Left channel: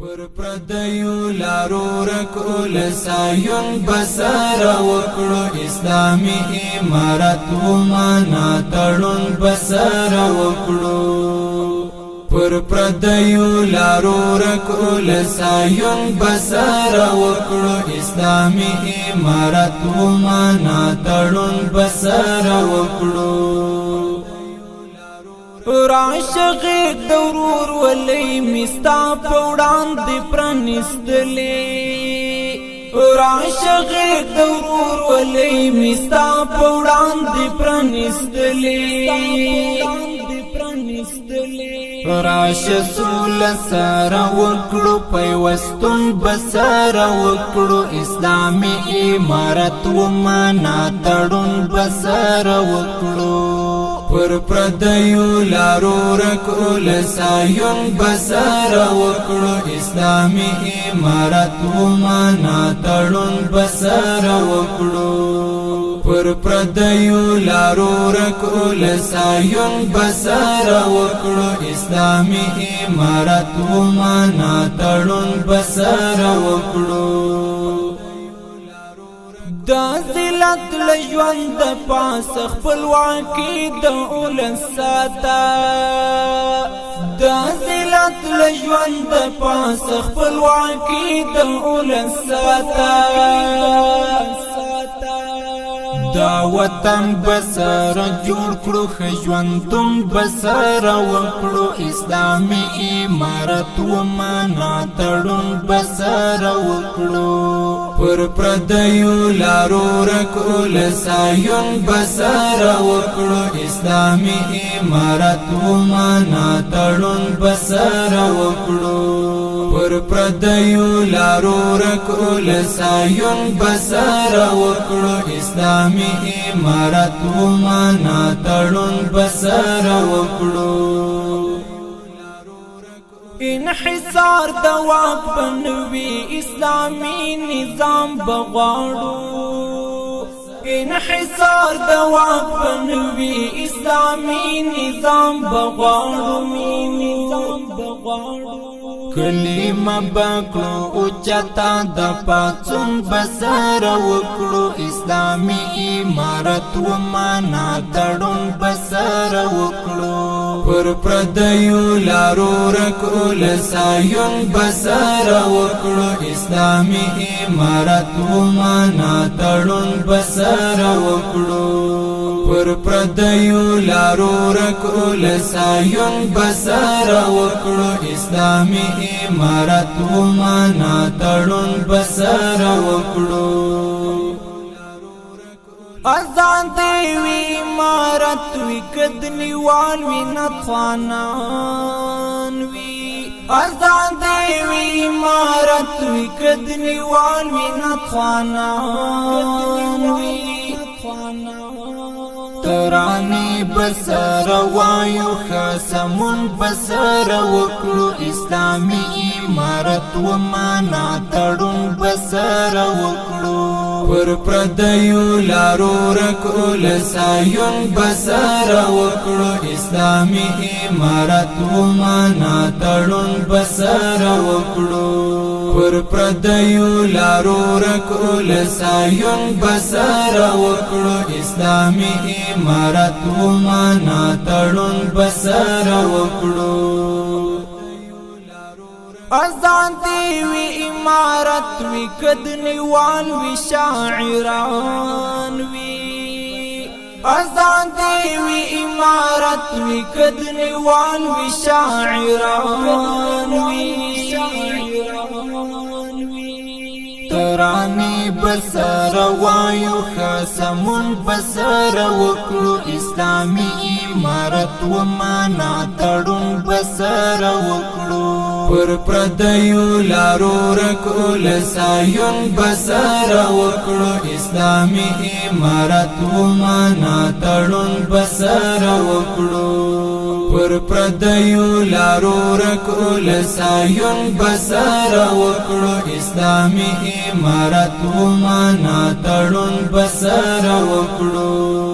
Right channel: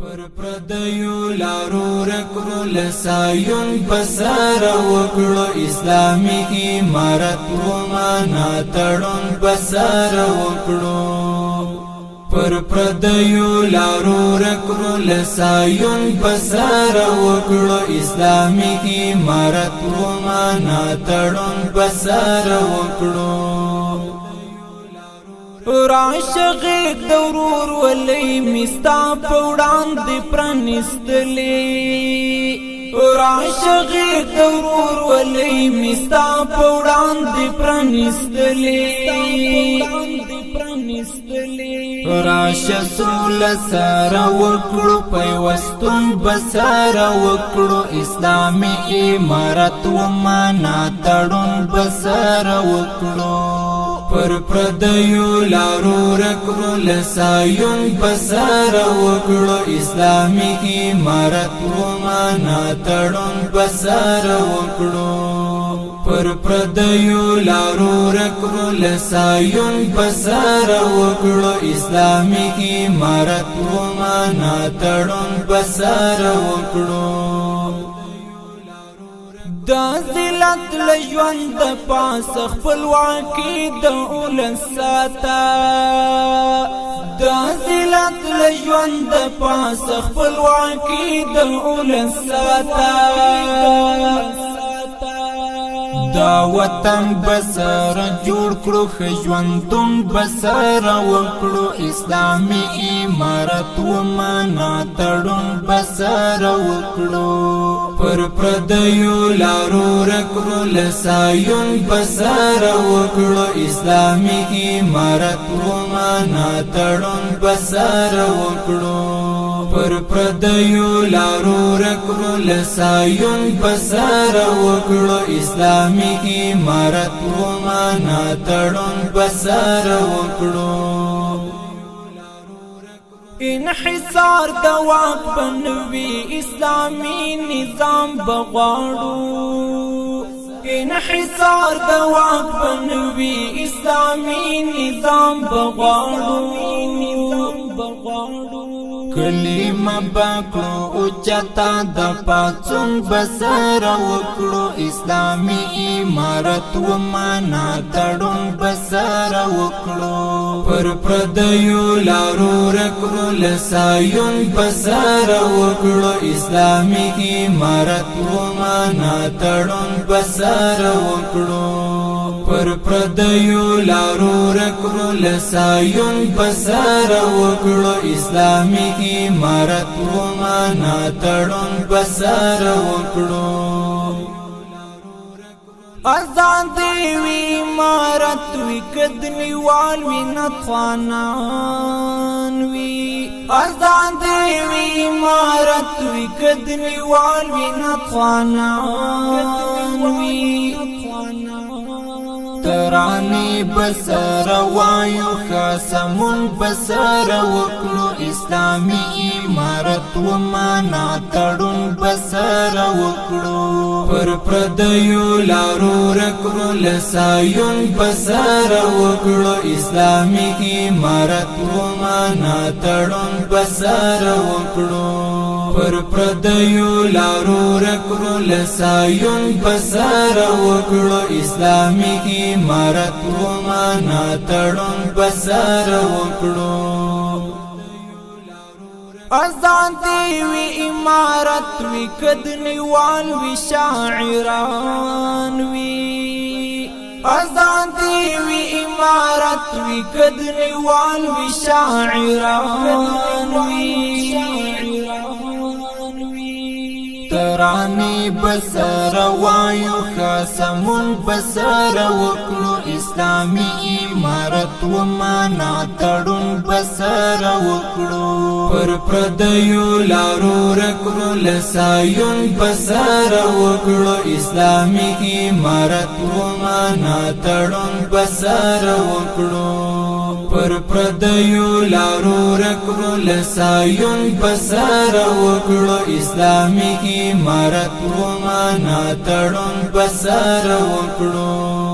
پر پردیو لارو رکړو لسایون بسر وکړو اسلامی امارت و معنا تړون بسر وکړو پر پردیو لارو رکړو لسایون بسر وکړو اسلامی امارت و معنا تړون بسر وکړو راشغه دورور ولې مستا پوډان دی پرنستلې راشغه دورور ولې مستا پوډان دی پرنستلې راش سول سره وکړو پیوستون بسره وکړو اسلامي امارت و معنا تړون بسره وکړو پر پردیو لارو رکړو لسایون بسر وکړو اسلامی امارت و معنا تړون بسر وکړو پر پردیو لارو رکړو لسایون بسر وکړو اسلامی امارت و معنا تړون بسر وکړو دا ذلت لژوند پاس خپلواکي د اولساتا دا ذلت لژوند پاس خپلواکي د اولساتا دا وطن بسر جوړ کړو خژوندون بسر وکړو اسلامي امارت و معنا تړون بسر وکړو پر پردیو لارو رکړو لسایون بسر وکړو اسلامي امارت و معنا تړون بسر وکړو پر پردیو لارو رکړو لسایون بسر وکړو اسلامي امارت و معنا تړون بسر وکړو انحصار د واک بنوي اسلامي نظام بغواړو انحصار د واک بنوي اسلامي نظام بغواړو کلمه بکړو او چتا د پاتون بسر وکړو اسلامي امارت و معنا تړون بسر وکړو پر پردیو لارو رکړو لسایون بسر وکړو اسلامي امارت و معنا تړون بسر وکړو پر پردیو لارو رکړو لسایون بسر وکړو اسلامي امارت و معنا تړون بسر وکړو آزاد وی امارت وی کدنی وال وی نتخوانان وی آزاد وی امارت وی کدنی وال وی نتخوانان وی ترانی بسر وایو خسمون بسر وکړو اسلامی امارت و معنا تړون بسر وکړو پر پردیو لارو رکړو لسایون بسر وکړو اسلامی امارت و معنا تړون بسر وکړو پر پردیو لارو رکړو لسایون بسر وکړو اسلامی امارت و معنا تړون بسر وکړو آزاد وی امارت وی کدنی وال وی شاعران وی آزاد وی امارت وی کدنی وال وی شاعران وی ترانی بسر وایو خسمون بسر وکړو اسلامی امارت و معنا تړون بسر وکړو پر پردیو لارو رکړو لسایون بسر وکړو اسلامی امارت و معنا تړون بسر وکړو پر پردیو لارو رکړو لسایون بسر وکړو اسلامی امارت و معنا تړون بسر وکړو